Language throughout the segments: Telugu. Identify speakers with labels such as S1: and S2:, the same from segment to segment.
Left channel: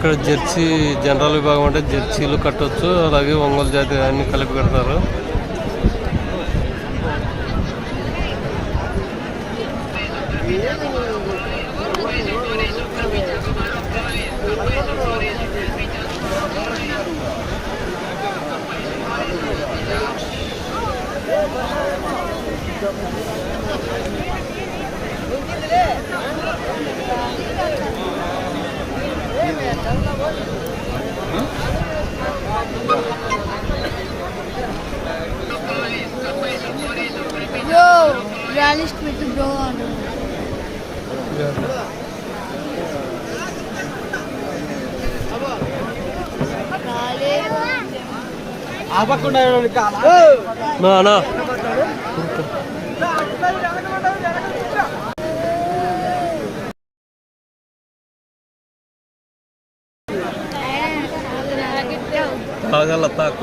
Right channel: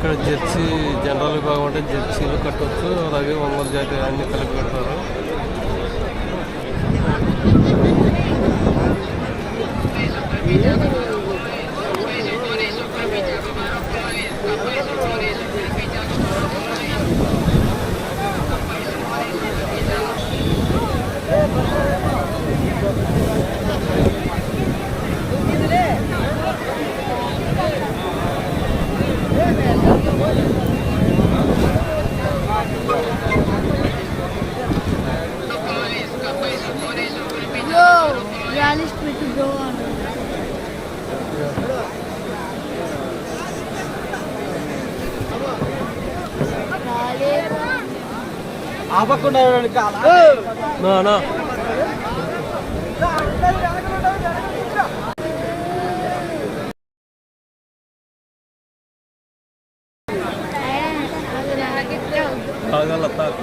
S1: ఇక్కడ జెర్సీ జనరల్ విభాగం అంటే జెర్సీలు కట్టవచ్చు అలాగే ఒంగోలు జాతి అన్ని కలిపి కడతారు.
S2: rally's pretty go on.
S3: ఆపకుండా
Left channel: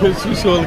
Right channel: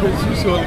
S4: Burası şu an.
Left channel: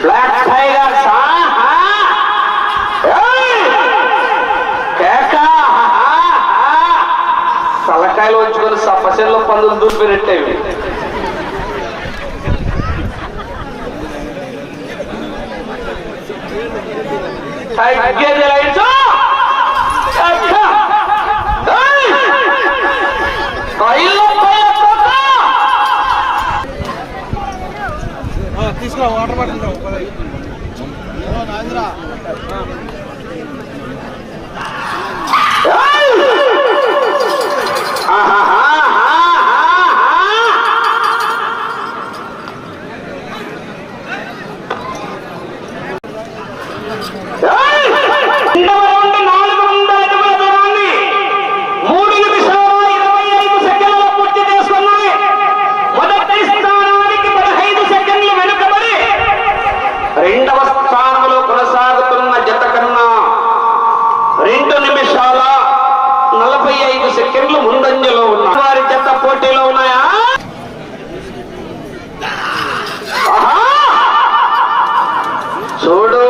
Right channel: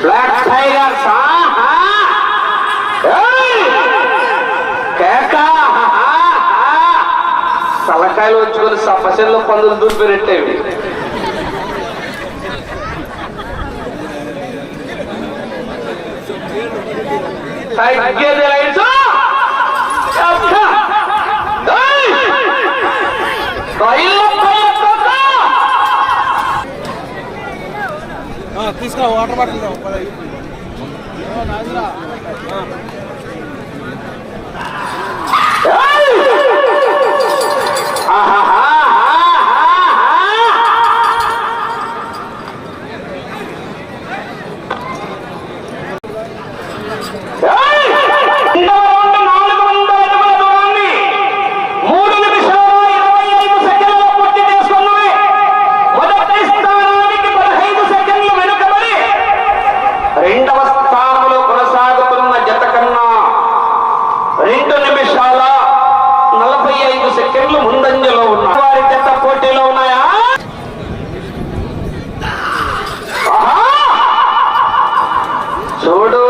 S4: Black tiger తలకాయలు వచ్చుకొని సపశల్లో పళ్ళు దూపిరెట్టేవి తగ్గేది లైట్
S3: తీసుకో వాటర్ బాటిల్
S4: Solo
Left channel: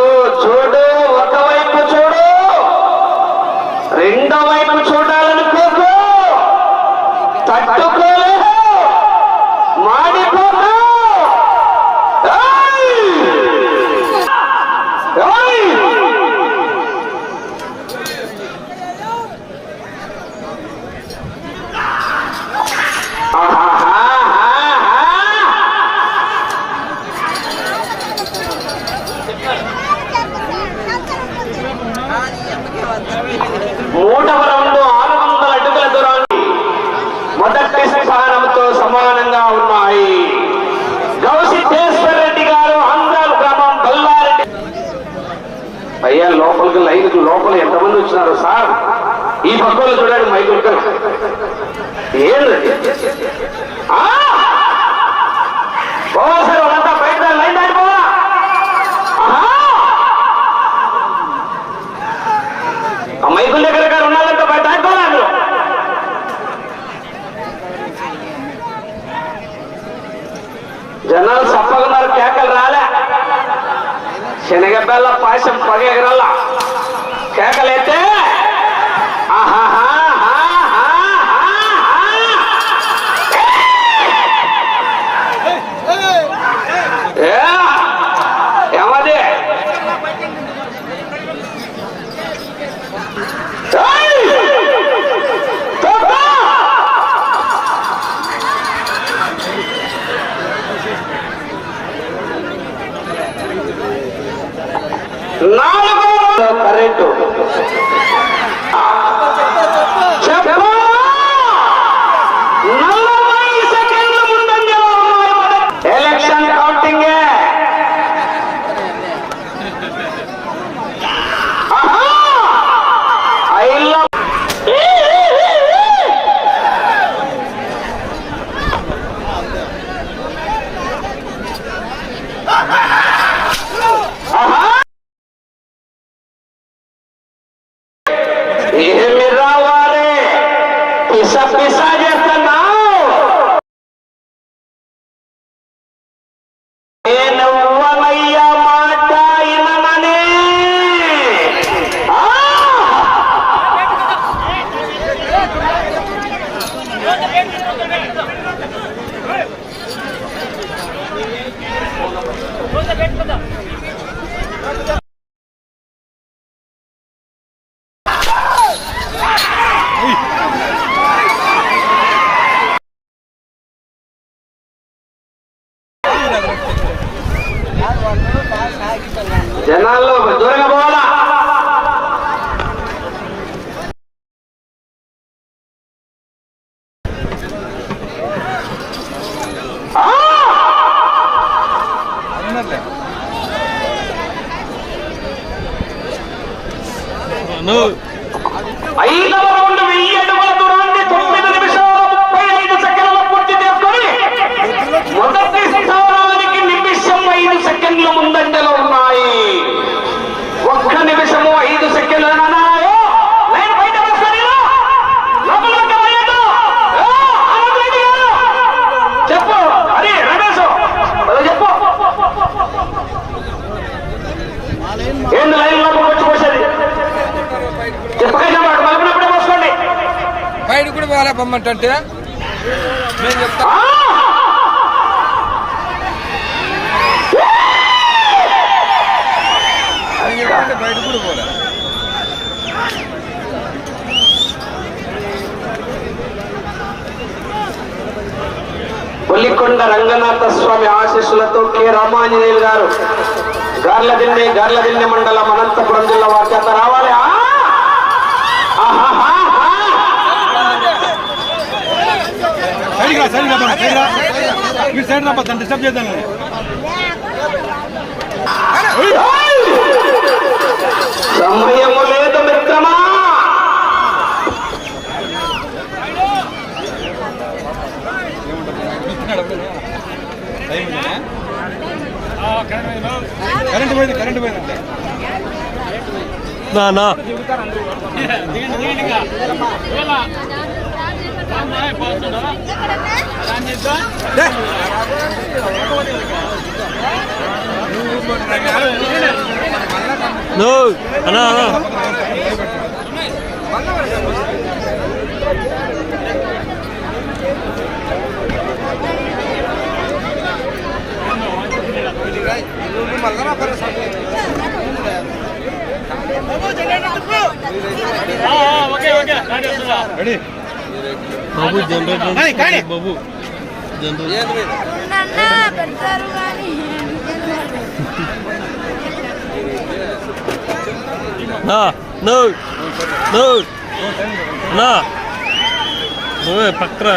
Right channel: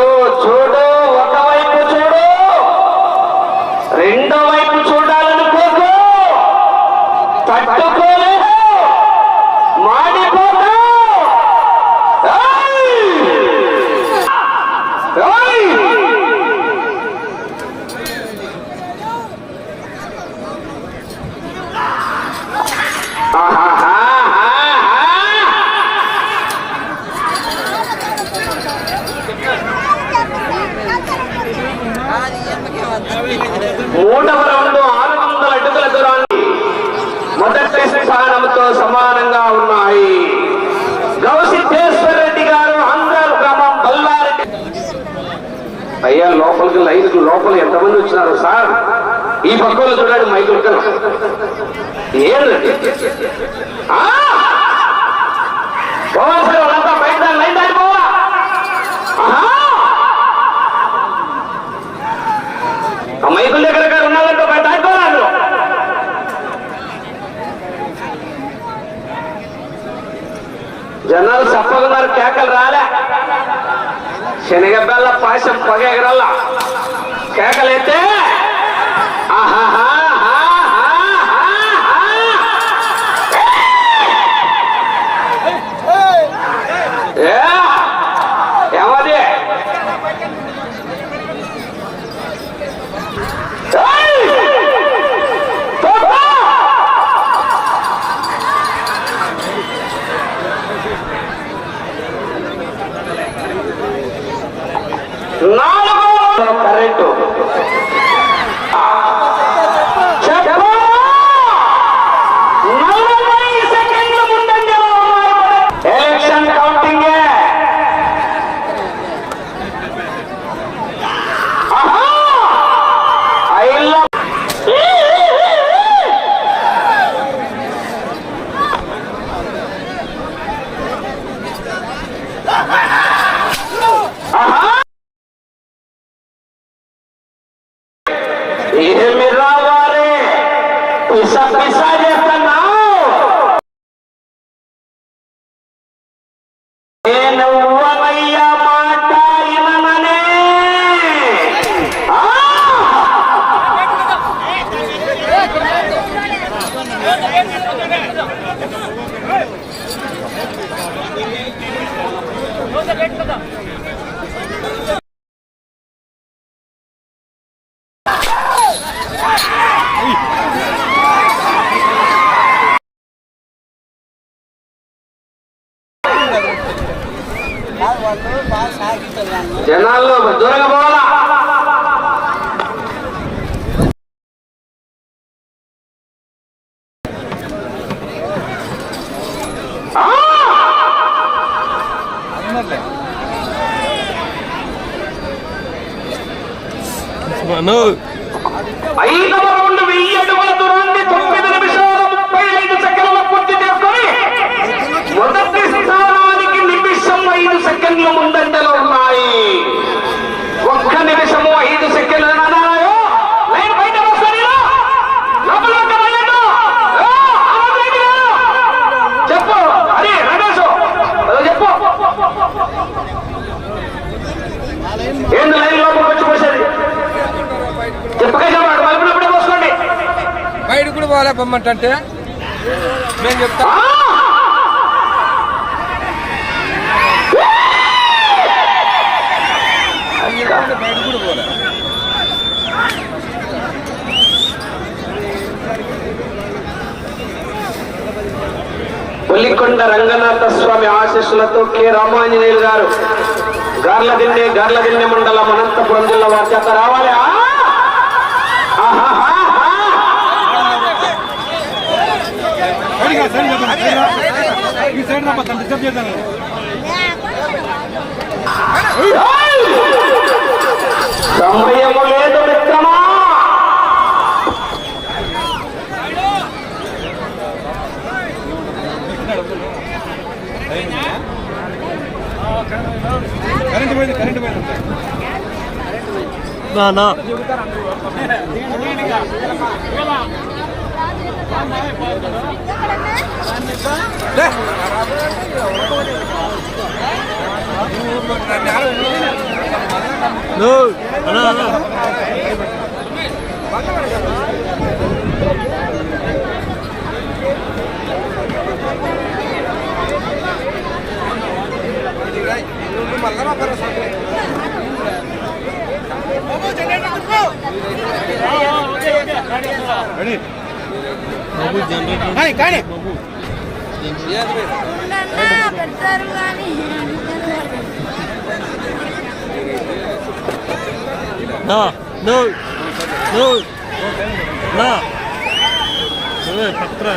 S4: ఈ పక్కలో చూడండి మైకుల్ కర్క్ ఏంటండి పిస పిస చేస్తున్నావు నేను వలయ్య మాట ఇనమనే Hey! ഐതവർ കൊണ്ട് വെയ്യടുവ పాపం ఏంటంటే నేను
S5: చెప్తా. బయట కూడా
S4: రంగనాథ స్వామి ఆశీస్సులతో కె. రామాంజనేయులు గారు గార్లగిన్నె గార్లదిన్నె మండలం అనంతపురం జిల్లా వారి చేత రావాలి. మీ సైడ్
S5: రా. పక్కన డిస్టర్బ్ చేద్దాం
S1: నా నా ಹಲೋ ಮಲ್ಲ బాబు జనరేటర్ బాబు
S4: పత్ర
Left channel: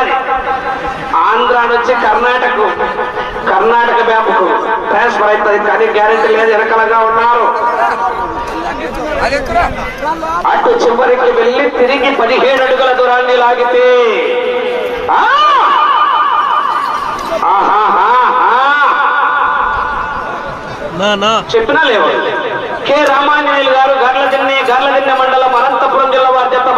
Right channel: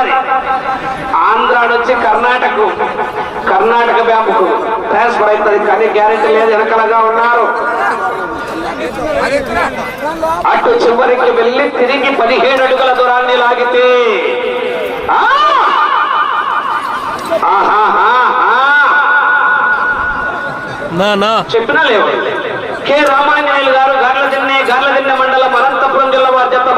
S4: ఒక్కసారి ఆంధ్ర నుంచి కర్ణాటక కర్ణాటక బ్యాంకు ట్రాన్స్ఫర్ అవుతుంది. కానీ గ్యారెంటీ లేదు వెనకలగా ఉన్నారు. అటు చివరికి వెళ్ళి తిరిగి పదిహేడు అడుగుల దూరాన్ని లాగితే. చెప్పినా లేవు? కె. రామాంజనేయులు గారు గర్లజిన్ని గర్లజిన్న మండలం అనంతపురం జిల్లా వారి చేత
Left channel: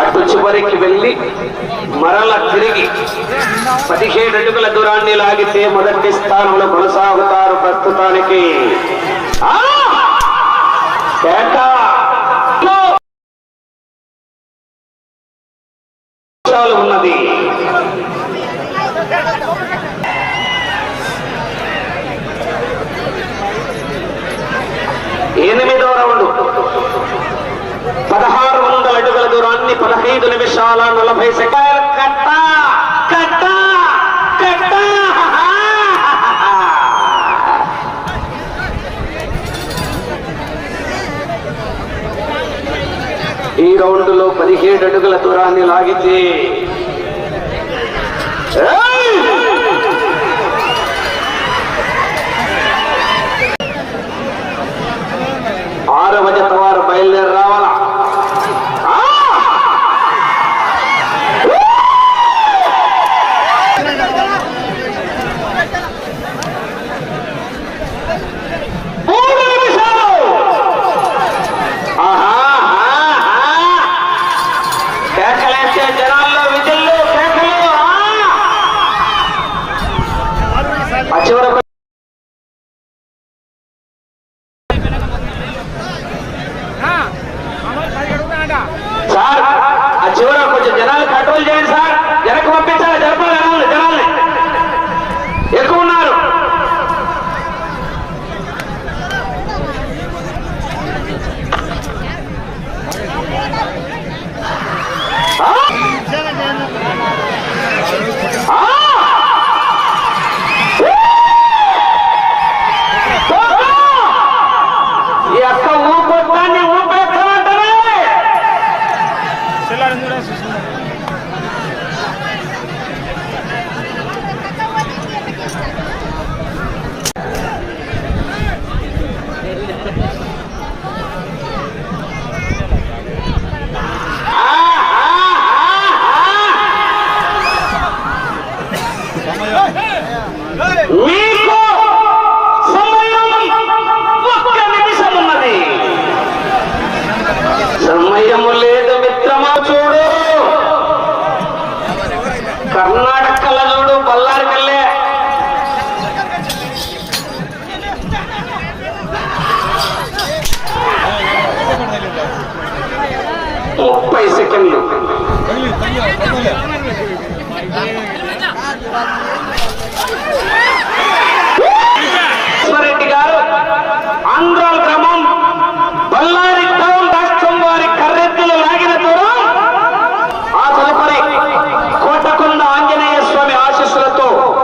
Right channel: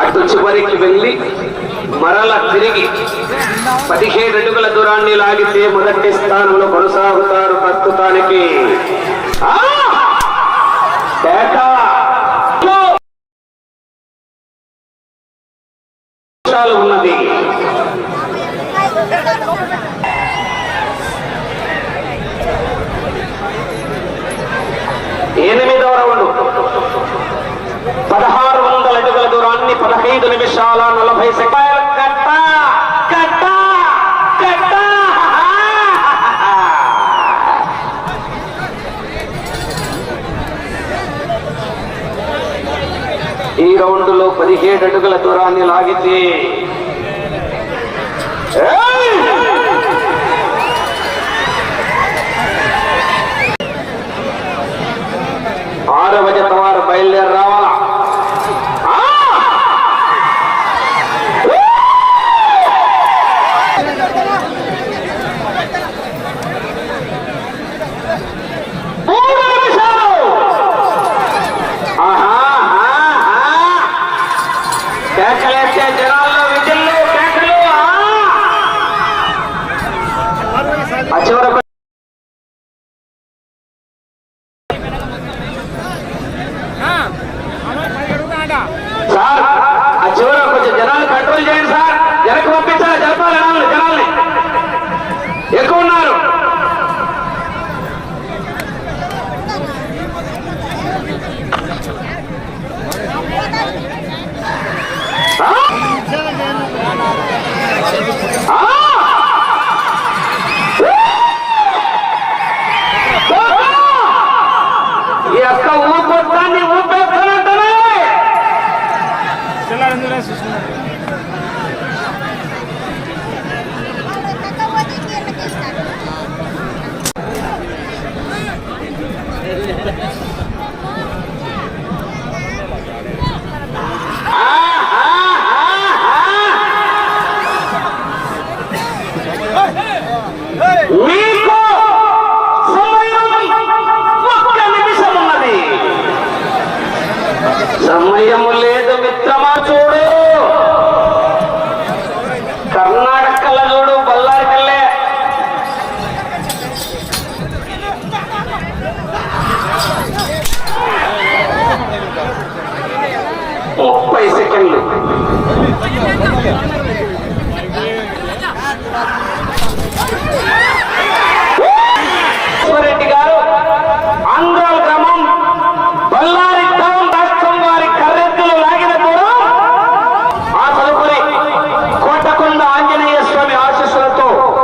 S4: అటు చివరికి వెళ్ళి మరల తిరిగి పదిహేను అడుగుల దూరాన్ని లాగితే మొదటి స్థానంలో కొనసాగుతారు ప్రస్తుతానికి. కేటా ఈ రౌండ్లో పదిహేడు అడుగుల దూరాన్ని లాగితే.